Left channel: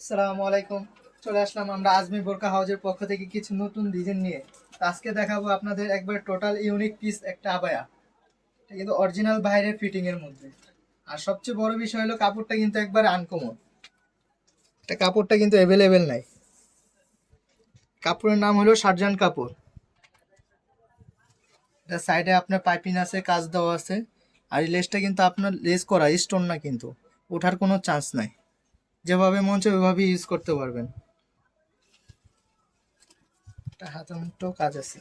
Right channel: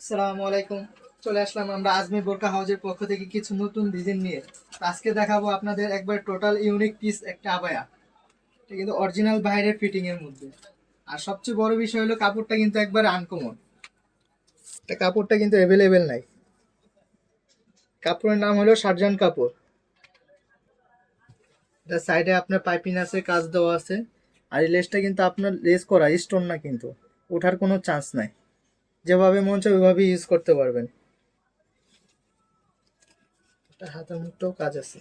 আসসালামু আলাইকুম। চলে আসলাম আমরা আজমি বোরকা হাউজের পক্ষ থেকে কিছু নতুন ডিজাইন নিয়ে। আজকে দেখাবো আপনাদের একবার টোটাল ইউনিক পিস একটা আবায়া। এটা কিন্তু অরিজিনাল বাইরের ফিটিং এর মধ্যে। আর সবচেয়ে বড় বিষয় হলো কাপড়টা কিন্তু একবার আনকমন এটা কাপড়টা কিন্তু অ্যাভেলেবেল নাই। কাপড়ের নাম হলো সার্জান কাপড় এটা সাইডে আপনার পাইপিং আছে, কাজ দেওয়া আছে। আর এই লেসটা কিন্তু আপনার লেস করা স্টোন না কিন্তু। ওঠার কোনো চান্স নাই। যেভাবে মন চায় ওইভাবে ইউজ করতে পারবেন। এটা হাতের মুঠো কাজ আছে।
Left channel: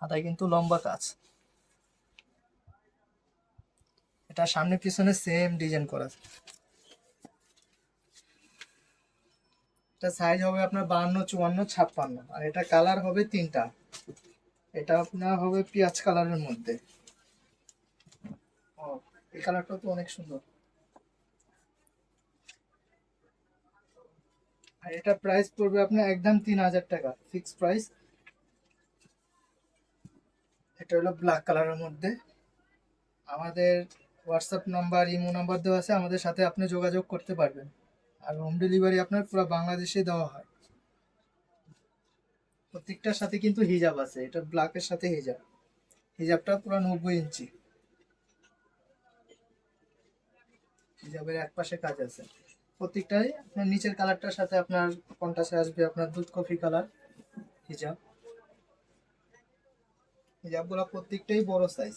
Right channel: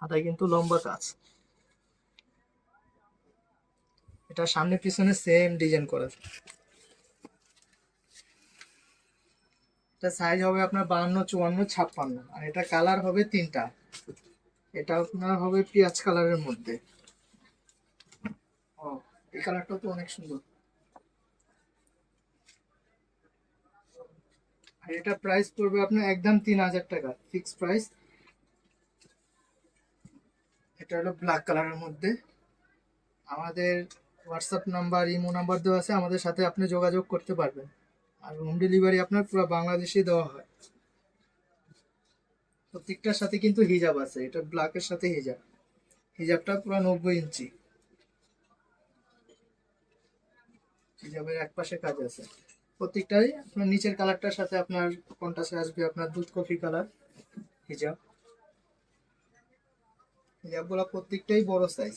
হাতায় কিন্তু লম্বা কাজ। এটা সামনে পিছনে সেম ডিজাইন করা। এটা সাইজ হবে আপনার বাহান্ন, চুয়ান্ন, ছাপ্পান্ন। আর এটা কালার হবে তিনটা। এটা আপনার হবে পেঁয়াজ কালারের মধ্যে। ও, এই কালারটা তো অনেক সুন্দর। আর এটা প্রাইস পড়বে আপনার একদম তিন হাজার টাকা ফিক্স প্রাইস এটা হলো ব্ল্যাক কালারের মধ্যে। আমাদের হোয়াটসঅ্যাপ নাম্বার ইমো নাম্বার দেওয়া আছে, আমাদের সাথে আপনি যোগাযোগ করতে পারবেন। আর হোম ডেলিভারি আপনার পুরো বাংলাদেশেই দেওয়া হয়। প্রত্যেকটার সাথে কিন্তু হিজাব আছে, এটা ব্ল্যাকের সাথে হিজাব হিজাবটা পুরো নব্বই ইঞ্চি। হিজাবের এক পাশে কাজ আছে। প্রত্যেকটাই। আপনার নিচের কালারটার সাথে আপনার কন্টাসে আসবে আপনার দুধ কফি কালার। হিজাব হিজাবগুলো প্রত্যেকটাই বড় সাইজ